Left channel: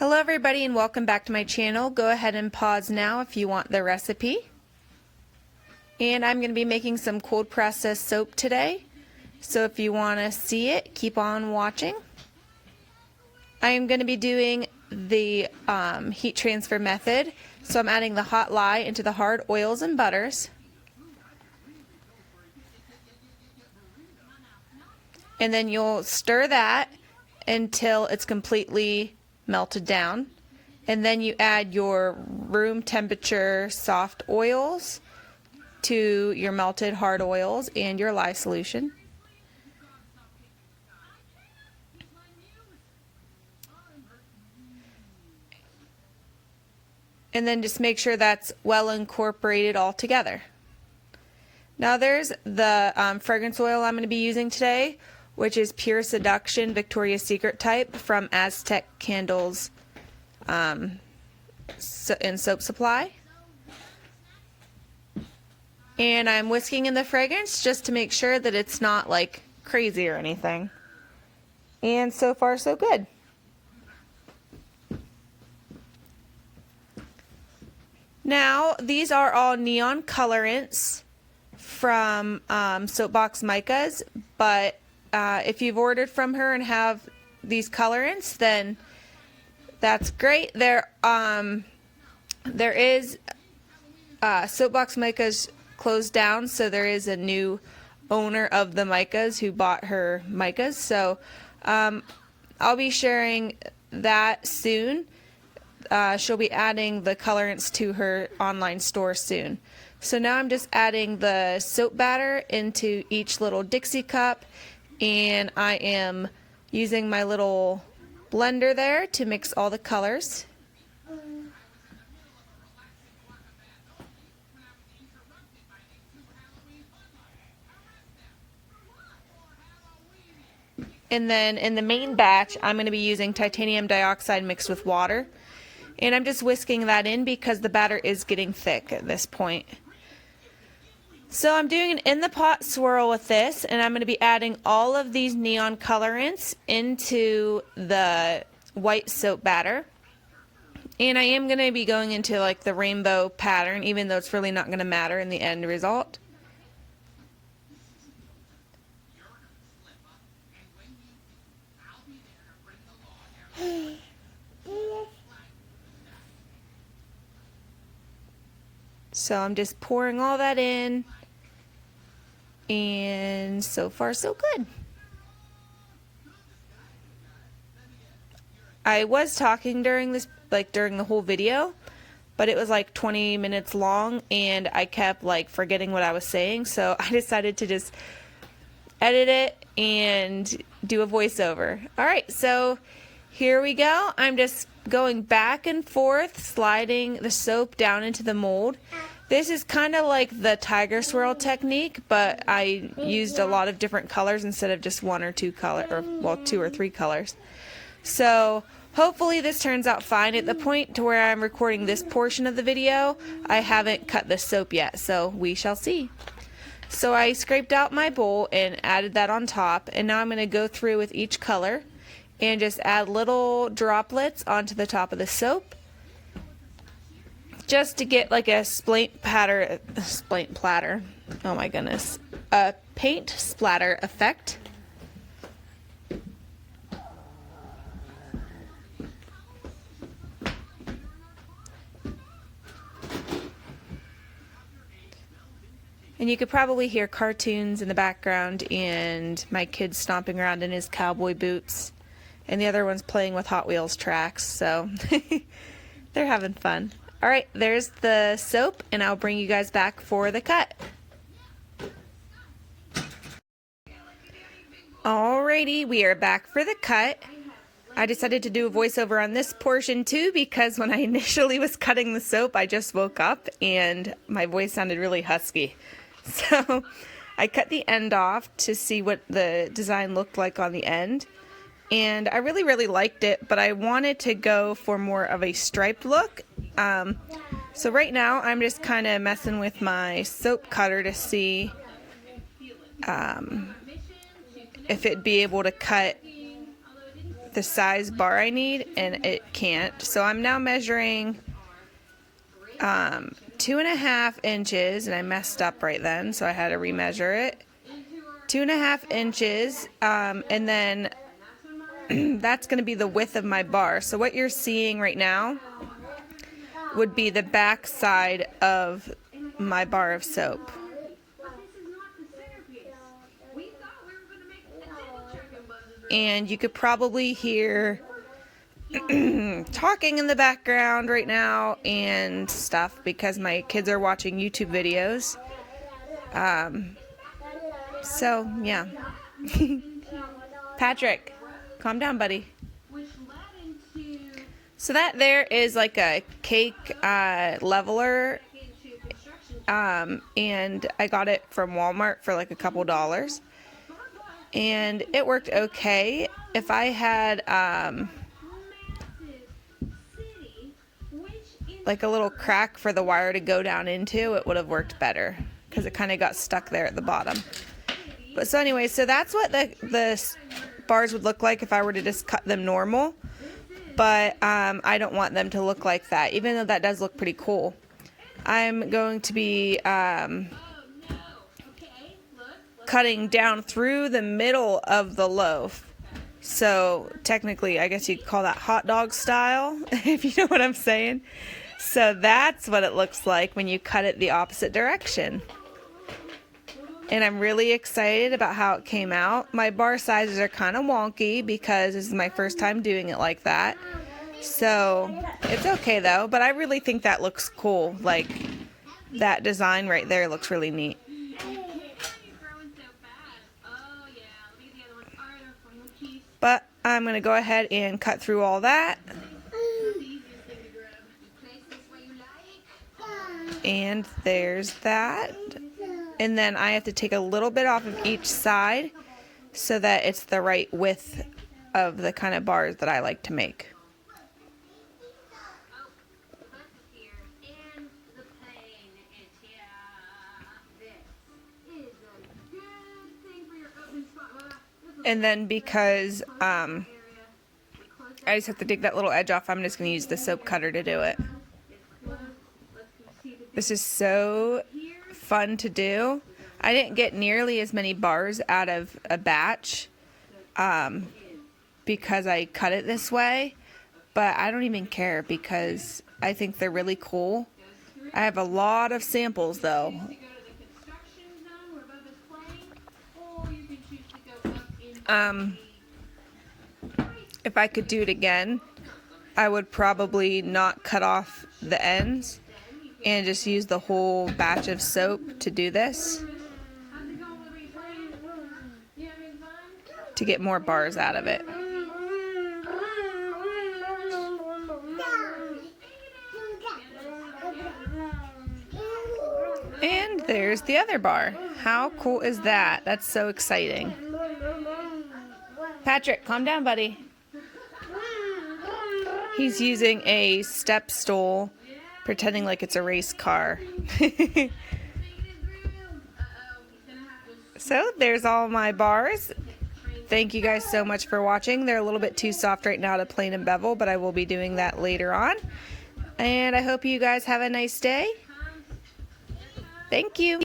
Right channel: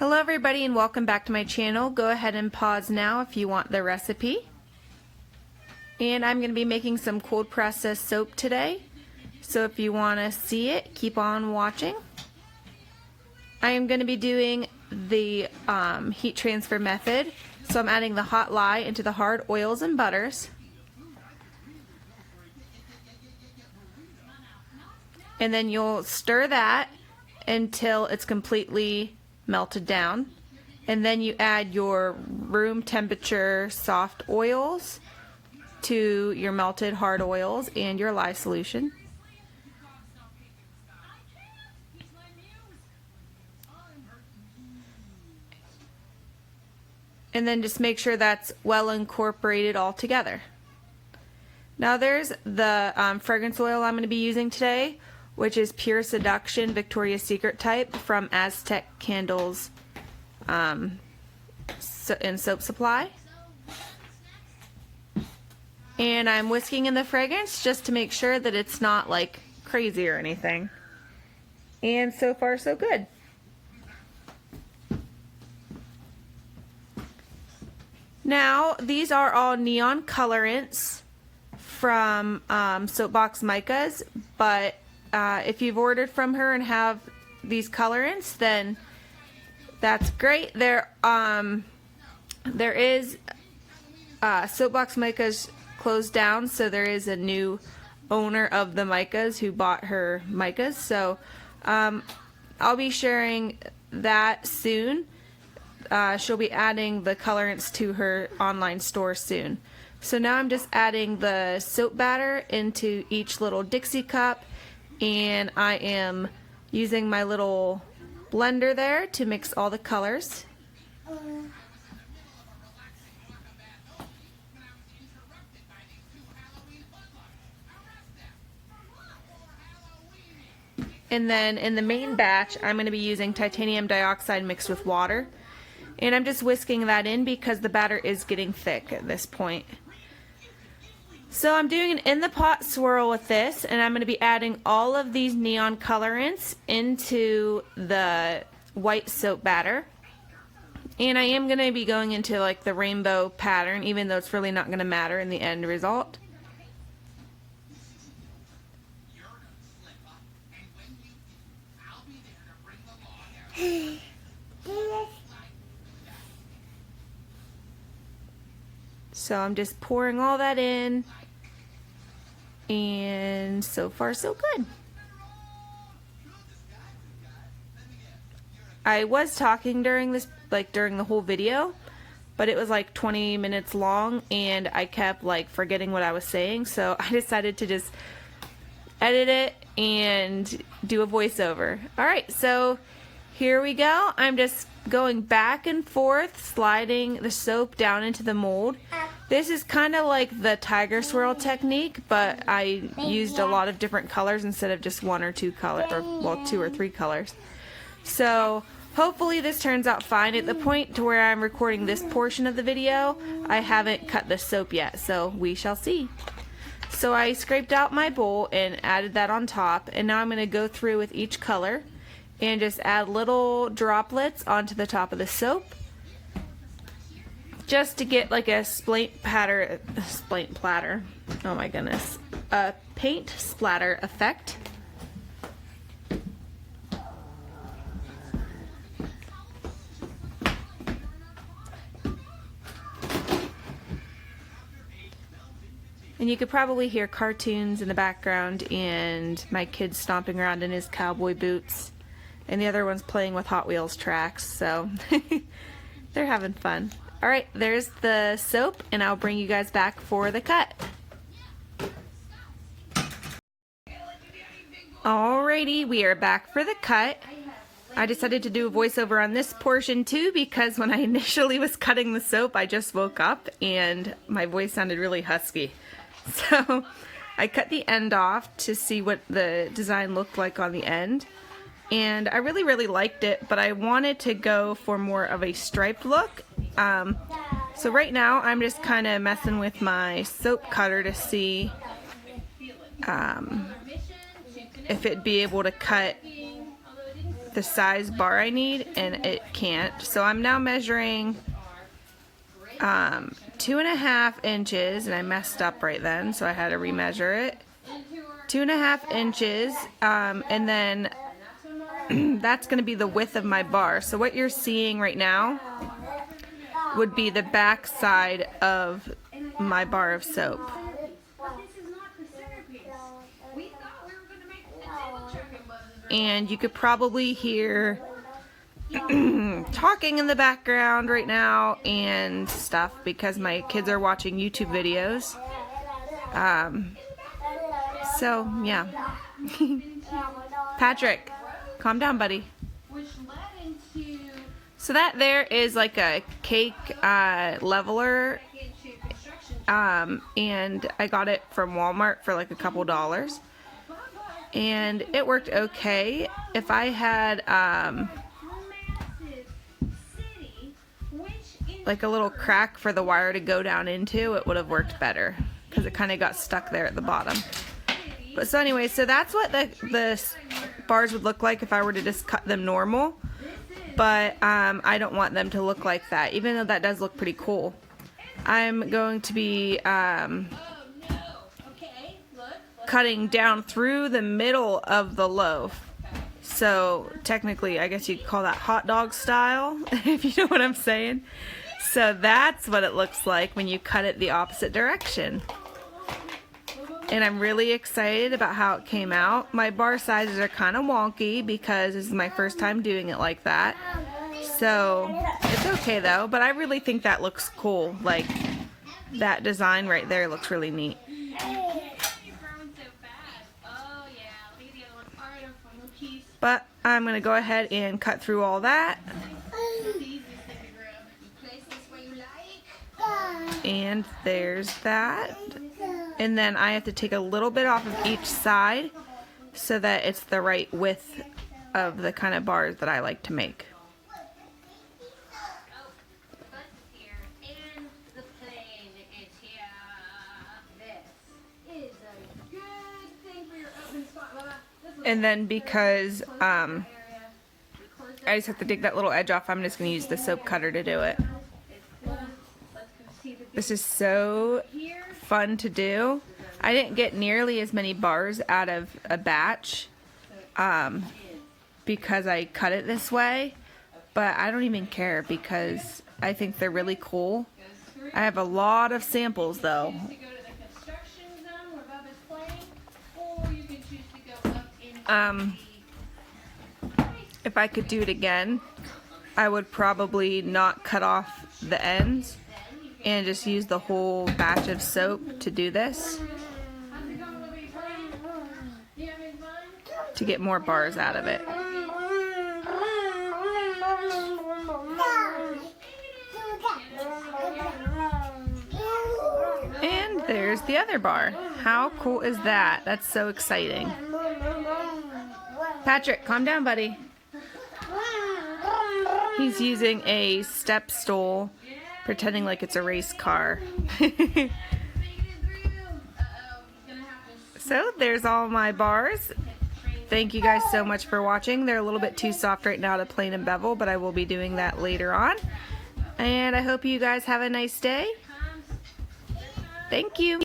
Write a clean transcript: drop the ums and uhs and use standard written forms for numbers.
Hello everybody and welcome back to my channel. Go ahead and pause now if you want the recipe. And I'm going to be making some cold process soap today. So if you want to see it, keep on watching. I am going to be doing the heat transfer method. So I'm adding the hot lye into the hard oils and butters. And then you'll stir that until it's completely melted down, and then you add your room temperature soft oils to your melted hard oils and your lye solution. And then just make sure that's well incorporated all together. Now there's the fragrance oil I'm going to be using today, which is pure Seduction Victoria's Secret type from Aztec Candles and Soap Supply. And I'm whisking in the fragrance just to make sure that it's not like crazy or anything. And so far so good. Now these are all neon colorants from Soapbox Micas, but if you've ordered from her and have these colorants, then that's great. There is Soapbox Micas closed down, so there is a new owner of the micas who bought her micas. So I'll be sharing that soon. She'll be adding the colorants to her online store soon. So now I'm just adding the soap batter into each little Dixie cup. And I am using my little blender there to mix all the colors. And then in the main batch, I'm going to be using titanium dioxide mixed with water. And I'm just whisking that in because the batter is getting thick at this point. So I'm doing an in the pot swirl with this, and I'm going to be adding all of these neon colorants into the white soap batter. And I am going to be going into like the rainbow pattern, even though it's really not going to matter in the end result. So I'm just pouring all that in. And so far so good. I was talking during this, during the whole video, but it was like 20 minutes long and I kept forgetting what I was saying, so I decided to just edit it and do a voiceover. Alright, so here we go. I'm just going back and forth, sliding the soap down into the mold. This is kind of like the tiger swirl technique, but I used a lot of different colors instead of just one or two colors, or well, 2 or 3 colors. So hopefully this turns out fine. At the point to where I'm recording this portion of the video, I haven't cut the soap yet, so we shall see. So I scraped out my bowl and added that on top, and now I'm going to go through with each color and just add little droplets onto the top of the soap, just to get like a paint splatter effect. And you could probably hear cartoons in the background and my kid stomping around in his cowboy boots, and the other one's playing with Hot Wheels tracks, so they're having fun. Alright, there's the soap, and I'll bring you guys back for the cut. Alrighty, we are back for the cut. I decided to do a voiceover on this portion too because when I initially was cutting the soap, I just woke up and my voice sounded really husky. So I cut the end off to see what the design looked like on the end. And I really liked it, but I wanted to go for more of a striped look. So right now I'm just kind of messing with my soap cutter to see if it'd be able to cut the size bar I need, and it can't. So I'm now measuring 2.5 inches, and I messed up right then, so I had to remeasure it. 2.5 inches, and then that's going to be the width of my bar. So what you're seeing right now would be the back side of my bar of soap. And you could probably hear talking in the background right now and stuff because my kids are watching YouTube videos. So yeah. Patrick, calm down, buddy. So that there is like a cake leveler, and I got it from Walmart for like a couple dollars, and it worked okay. If I had like a little crack for the wire to go down into, it would have worked better because it kind of got stuck there at the bottom. But so anyway, so that's what the bars would look like if I were to just cut them normal. But I don't want them to look like that, even though that does look pretty cool. I'm going to be cutting down through the middle of the loaf. So technically, I guess you'd call that hot dog style, if you know what I'm saying. So that's what it looks like when you cut it the opposite direction. And I'm really excited about how it came out. My bar sizes are kind of wonky because this is my first time doing it like that. So it's okay though, but I really think that looks cool. Like that design right there looks really neat. But I'm going to go ahead and cut through all that. And there's that. And then I have to take a little bit off of each side so that it's the right width of the kind of bars that I like to make. And then because I just have to take that little edge off, I'm just going to use the soap cutter to do it. This is so fun to do. I didn't get nearly as many bars out of a batch because I cut it this way, but I don't even care because I think they're really cool. I have a lot of samples though. If I could do it again, I would probably not cut off the ends and just use the whole batch of soap to do this to get more bars out of it. And there's the other bar. How cool is that? That's so exciting. Patrick, calm down, buddy. He's using a step stool, pretending like it's a race car. So there's all my bars. Thank you guys so much for watching. They're a little bit too soft right now to plane and bevel, but I will be doing that later on. And I hope you guys have a nice day. Thank you.